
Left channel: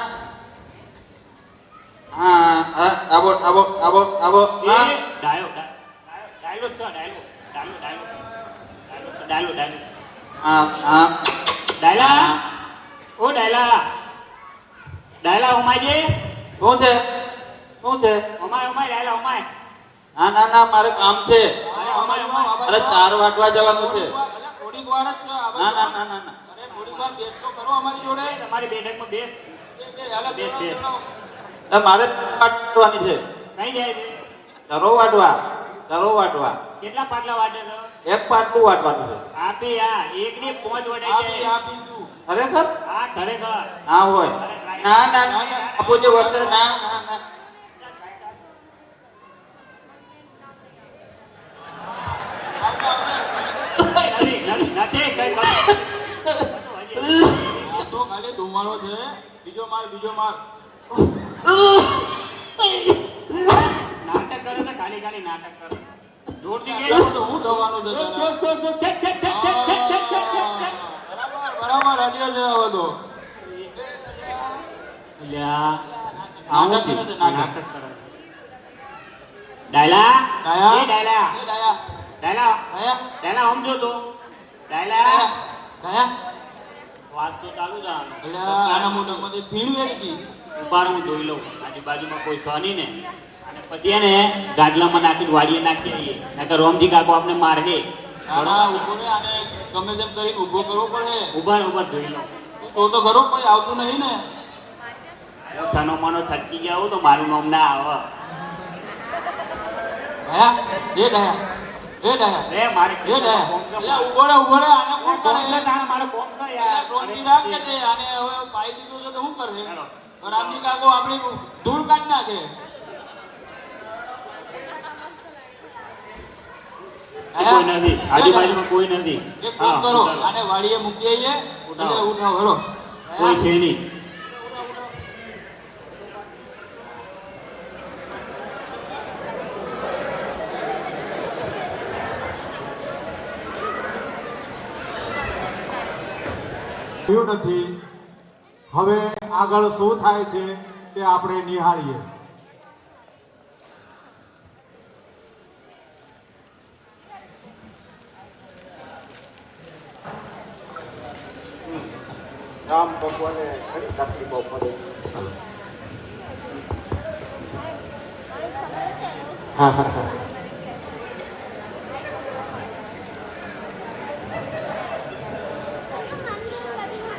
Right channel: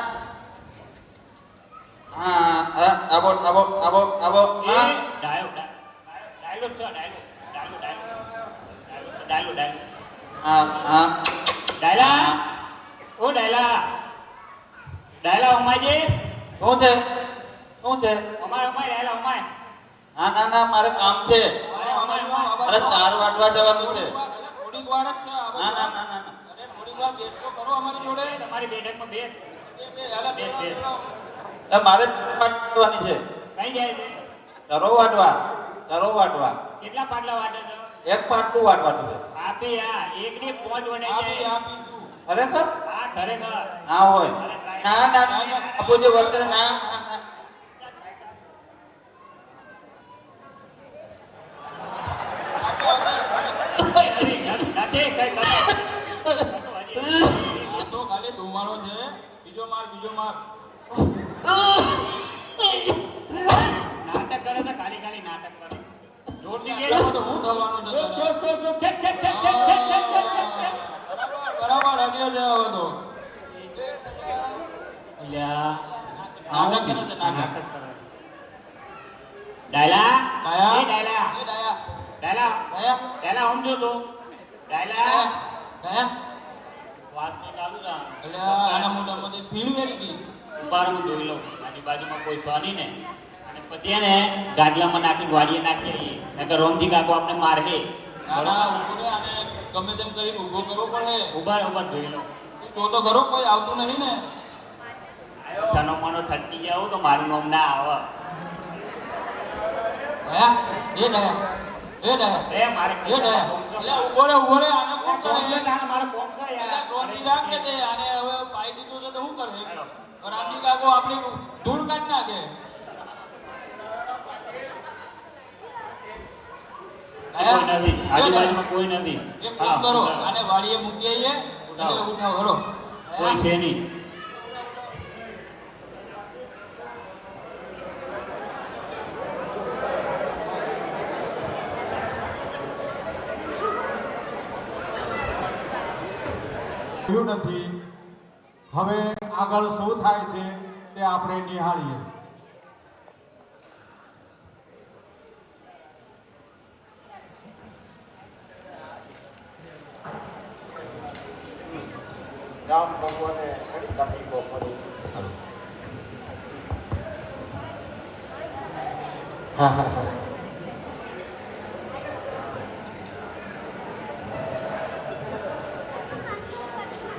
હા અરે આવો આવો આવો આવો એ હા ડાયો ડાયલો છો ડાયલો ડાયલો ડાયલો ડાયલો ડાયલો હા હા ડાયલા ઓ ડાયલા ડાયલા ઉમાજી શું છે શું છે ઉમાય ઉમાય ડાયલા ઉમાય હા ના ના મારે કામ છે અરે ઉમાય ઉમાય અરે 4 વાગવા જવાનું છે થોડીક વાર જ છે ના ના ના ના ના. અરે થોડીક વાર બેસ તો કરો અમારી જોડે. તમારી બેઠકમાં બેસ હાલો, બેસ બેસ મારે વાટવાની છે કઈ જાય ચરો વાટવા કેટલા પાટલા વાટે છે? એક પાટલું વાટવાનું છે આપી આ એકની પોંચ વડે આપી આપી તું. ખરેખર આ ખરેખર હા હોય ના ના ના આપોજે વર્તે ના ના ના નથી કઈ આ તો ખાલી ધુમાડો છે. બીજો માર નાટક કરો ને ખાલી ખાલી નાટક કરો જોરથી કે તો હું થવાનું છે તને? બરાબર અડિયો છે હવે તો. અલ્યા નાટક કરે છે, નાટક. નાટક કરો ડાયલા ડાયા? એ ડાયલા એ ડાયા? ડાયલા ડાયા? ડાયલા સમજો તો ડાયલા ડાયા? વાત તો ચાલુ રાખ એટલે આના મોઢામાંથી ભીણ વેરી ગઈ. બાર હું જોઈ લઉં આજુબાજુમાં કોઈ છો નહીં ને અને પછી એને ગાડલામાં નાખીને વાડીએ નાખી દઈએ નકર રોમજી કાકો આપણે મારશે આના ઉભો રે, આને ગમે તેમ કરીને ઊભો કરવો પડે. ઉભા ઉભા જોઈ લઉં તો ખરો કોઈ આવતું નહીં ને. તનો મનો થકી જાવ તો મારું નામ ના આવે ડાયા? એ ડાયા? એ ડાયા? એ મારે એ ડાયા? એટલે ઊભો રે, આને કોણ કરે? મારે ફોન કર એટલે યાર શાંતિ રાખ ને તે. આને હવે પાઈ દીધું છે તો શું કરે? રામજી કાકો આપણી ધૂળ કાઢ નાખે. કોઈ નથી આજુબાજુમાં કોઈ નથી એક કામ કરો, આને વાડીએ મૂકી આવીએ અને ઉઠાવો હેલો. કોઈ છે નહીં થયું નથી. હવે આગળ શું થાય છે તે આપણે નિહાળીએ. ગામ ભગવાને તકલીફો પડી. હા હા હા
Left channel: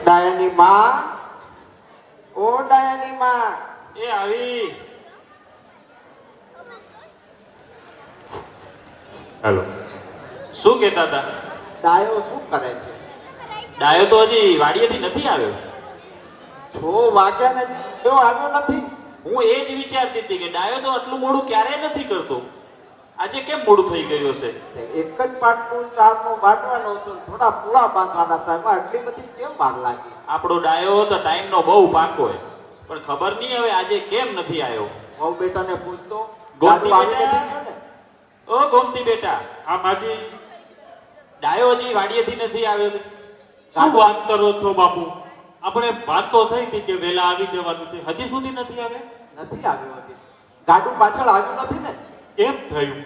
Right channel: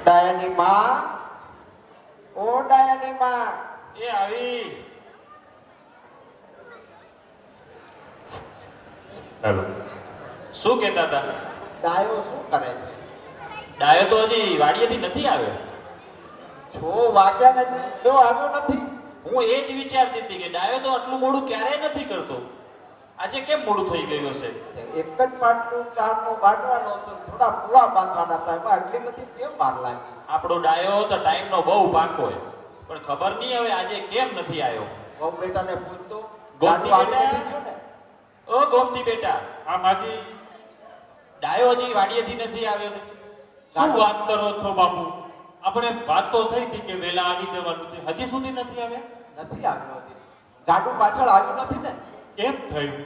ડાયાની માં, ઓ ડાયાની માં, એ આવી હાલો શું કહેતા હતા ડાયો શું કરે છે? ડાયો તો હજી વાડીએથી નથી આવ્યો 6 વાગ્યા ને જો આવ્યો નથી. હું એ જ વિચારતી હતી કે ડાયો તો આટલું મોડું ક્યારેય નથી કરતો આજે કેમ મોડું થઈ ગયું હશે એક જ પાટલું ચારનું બાંધવાનો હતો, થોડા પૂરા બાંધવાના હતા, એમાં આટલી બધી કેમ વાર લાગી? આપણો ડાયો તો ટાઈમનો બહુ પાકો હોય પણ ખબર નહીં હવે આજે કેમ નથી આવ્યો બહુ બેટાને પૂછતો ગોમતી ગાડું બેટા. આવી ગયું ને? ઓ ગોમતી બેટા આ માજી ડાયો હજી વાડીએથી નથી આવ્યો શું વાત કરો છો બાપુ? આપણે વાત તો થઈ હતી કે વહેલા આવી જવાનું છે, હજી સુધી નથી આવ્યા. નથી આવ્યું હજી. ગાડું પાછળ આવ્યું નથી ને? કેમ થયું?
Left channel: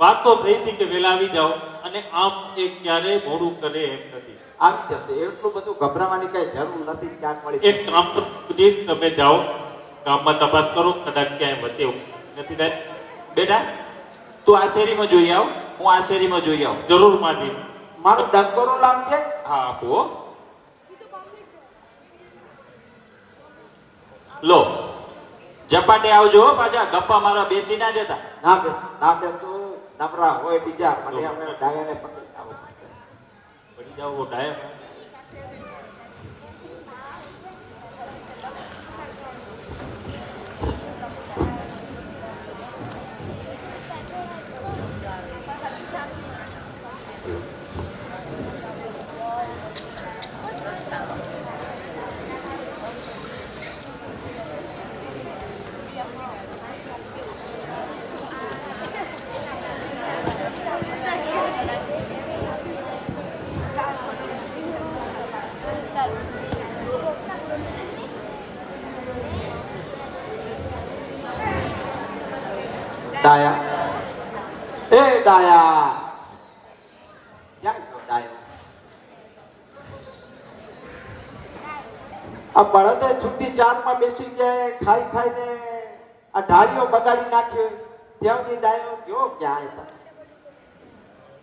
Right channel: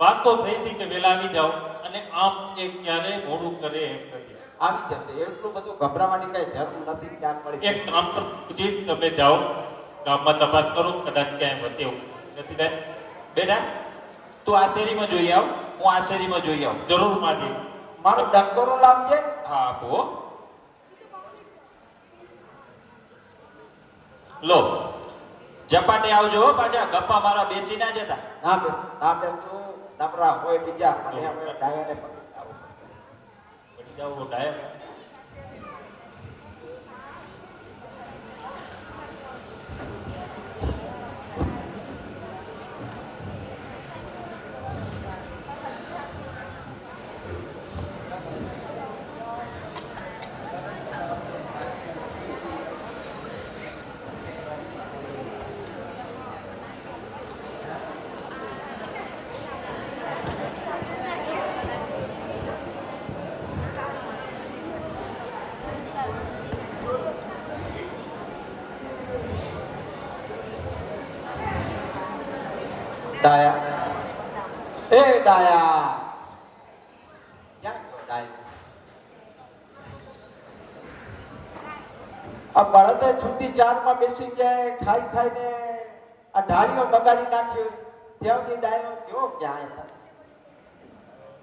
વાત તો થઈ હતી કે વહેલા આવી જાઓ અને આમ એ ક્યારે મોડું કરે એમ નથી. આવી જશે, એટલું બધું ગભરાવાની કઈ જરૂર નથી. ક્યાંક મળી એક કામ તો સુધી તમે જાઓ ગામમાં તપાસ કરો, કદાચ ક્યાંય વચ્ચે એવું નથી થાય. બેટા તું આ શેરીમાં જોઈ આવ હું આ શેરીમાં જોઈ આવું જરૂર માજી. મારો ડંકોરો લાગજે. હા આપો હો. લો ઝપાટે આવજો હો, પાછા ગપ્પા મારા બેસી ના જતા ના બે તું નબળા હોય બીજા. મને હવે ડાયાને પકડી આવો. બની જાવ ડાયો ડાયા એ ડાયા ક્યાં ગયો ડાયો? આ બળદે છૂટી ચારમાં બેસી જાય ખાઈ ખાઈને આ ઢાળીઓ બગાડી નાખ્યો ત્યાં સુધી ડાયો ગયો ક્યાં હતા?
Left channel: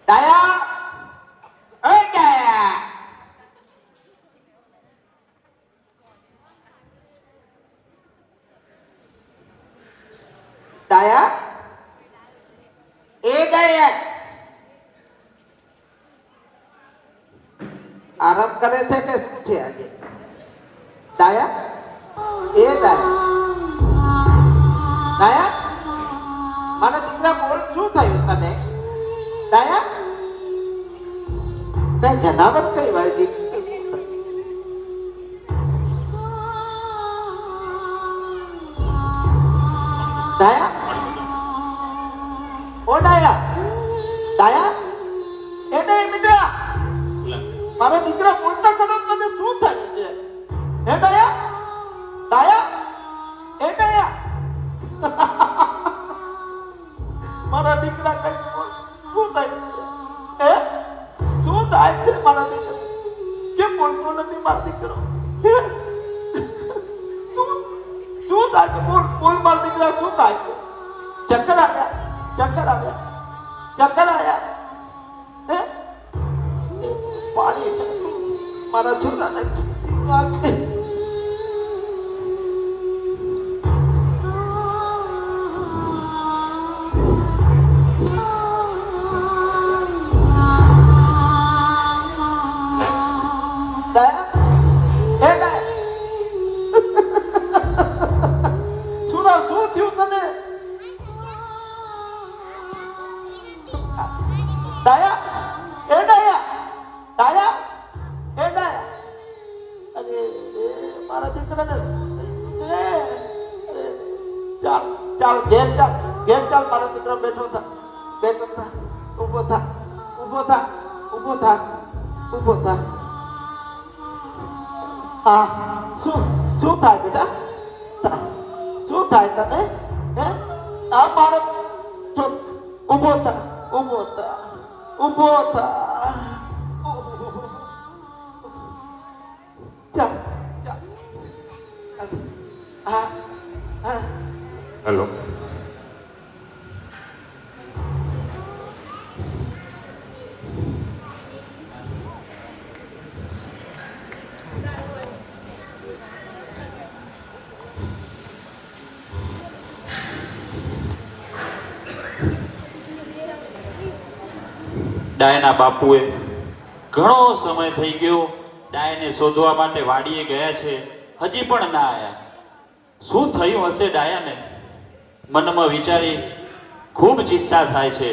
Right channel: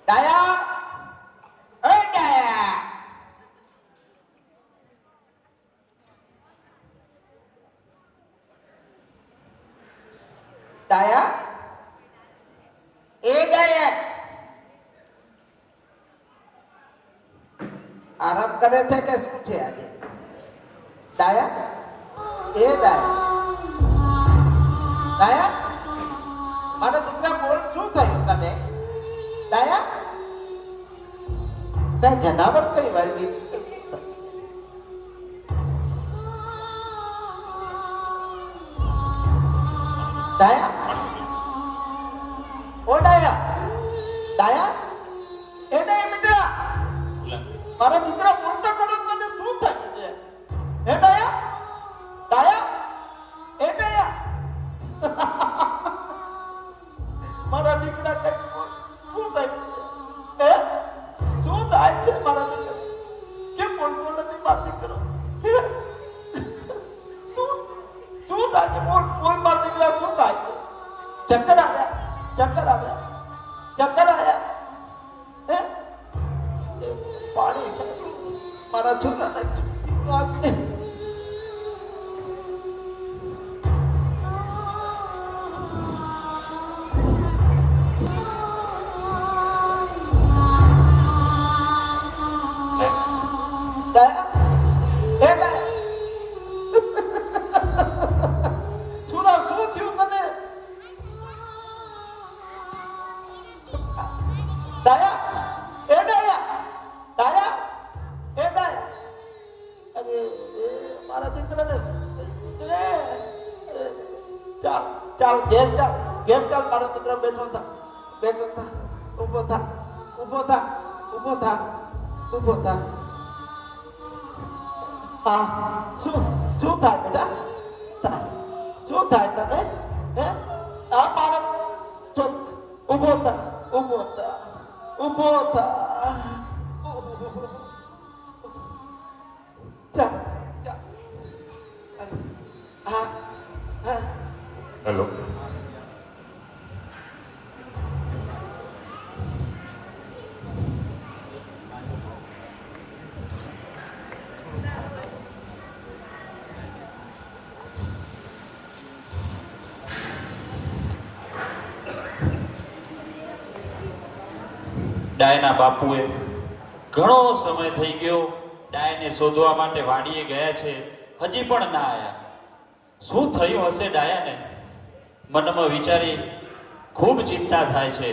ડાયા એ ડાયા ડાયા એ ડાયા આરામ કરે છે કે શું છે આજે? ડાયા એ ડાયા ડાયા મારો દીકરા બોલ શું થયું તને? ડાયા કઈ જનાવર કઈ વળગી ડાયા ઓ ડાયા ડાયા એ ડાયા મારો દીકરા બોલતા કરો તને શું થયું છે? હે ડાયા ડાયા એ ડાયા મારા દીકરા કઈ શું થયું છે? શું થાય છે મારા દીકરા? કેમ બોલતો નથી મારો દીકરો? શું થાય છે? બોલ મારા દીકરા શું થાય છે? ચક્કર આવ્યા હે પાણી ચાલ્યું મારા છોકરાને ઘેર ચાલ મારો દીકરો બેઠો થા ઊભો થા હા શું થાય બેટા? શું થાય તને? હે આ મારો ઊભો થા ચાલ હેલો ડાયના બાપુએ ઘણો સમય થઈ ગયો ડાયને શોધવા માટે વાડીએ ગયા છે, હજી પણ ના આવ્યા. શું થયું હશે ડાયાને? મનમાં વિચારી ખૂબ ચિંતા થાય છે.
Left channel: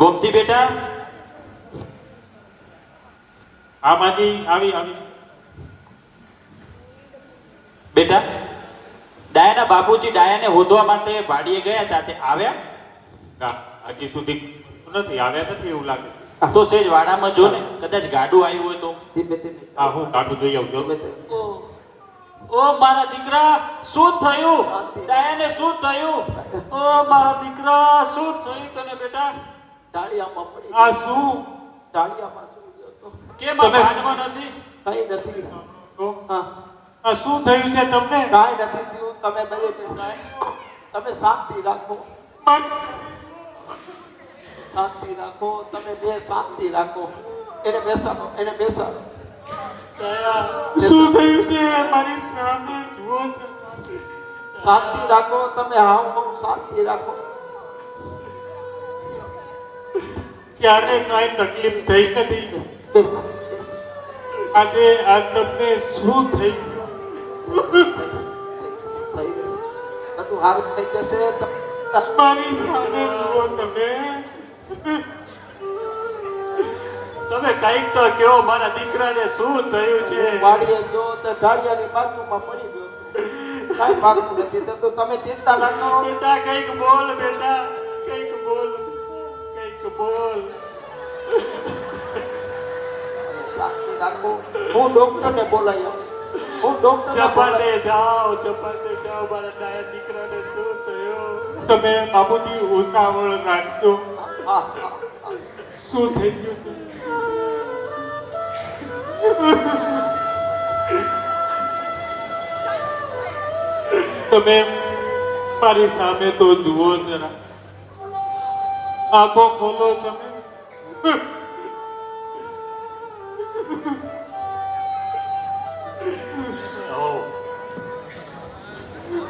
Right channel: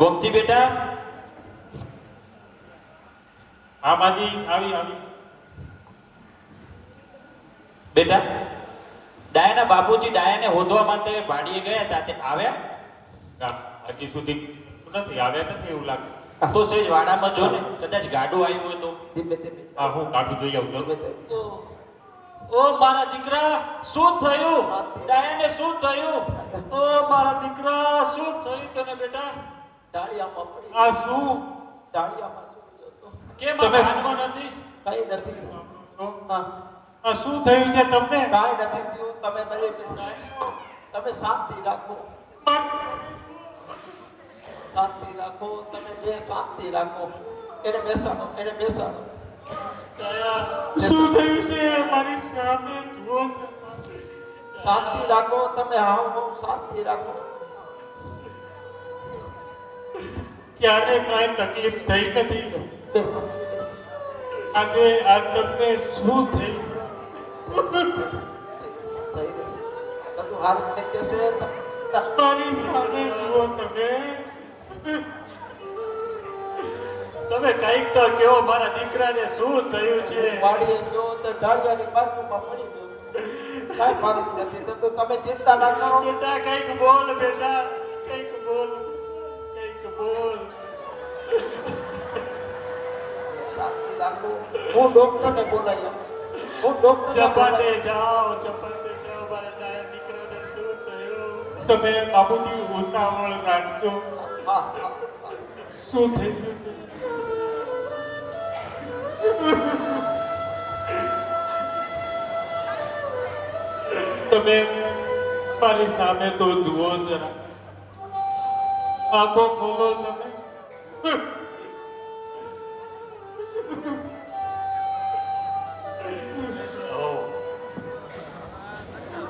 ગોમતી બેટા, આ માગી આવી બેટા ડાયાના બાપુજી ડાયાને શોધવા માટે વાડીએ ગયા હતા, તે આવ્યા? હજી સુધી નથી આવ્યા નથી એવું લાગે. તો સેજ વાડામાં જો ને, કદાચ ગાડું આવ્યું હોય તો. ધીમે હા હું કાઢું જોઈ આવું. ઓ મારા દીકરા, શું થયું? ડાયાને શું થયું? ઓ મારા દીકરા, શું થયું તને બેટા? ડાળિયામાં પડી આ શું ડાળિયામાં કેમ આ ભાનમાં નથી? કઈ નથી આ શું થયું છે તમને? કાંઈ નથી થયું. તમે બધે તમે શાંતિ રાખો તમે બે શાંતિ રાખો. એને બેસાડો શું થયું છે મારી સામે જુઓ છો? શાંતિ રાખો તમે. હા શાંતિ રાખો. ક્યારે કાંઈ તકલીફ થઈ નથી. આજે આ તમને શું થઈ બધું હારું થઈ જશે. મારી સામે જુઓ તમે. તમે કઈક તો કહો, મારા દીકરાને શું થયું છે? વાડીએ ગયો તો ઢાળિયાની બાજુમાં પડી ગયો. કાંઈ ભાગતું નથી થતું. તમે ચિંતા ના કરો. બેટા કંઈક બોલ, બેટા કંઈક બોલ. શાંતિ રાખો. હું ડોક્ટરને બોલાવ્યો. ચપાટે જાઓ, મારા ડાયા દીકરાને શું થયું? તમે બાપુજી ઉતાવળ રાખજો. શું થઈ ગયું? તમે મારી સામે તો જુઓ જરા. આંખો ખોલો તમે.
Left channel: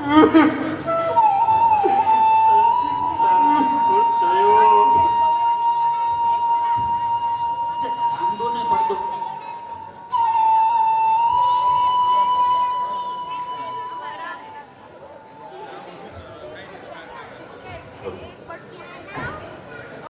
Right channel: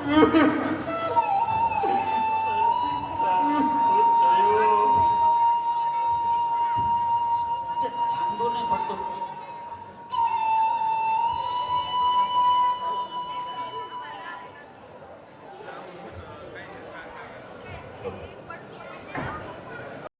Oh.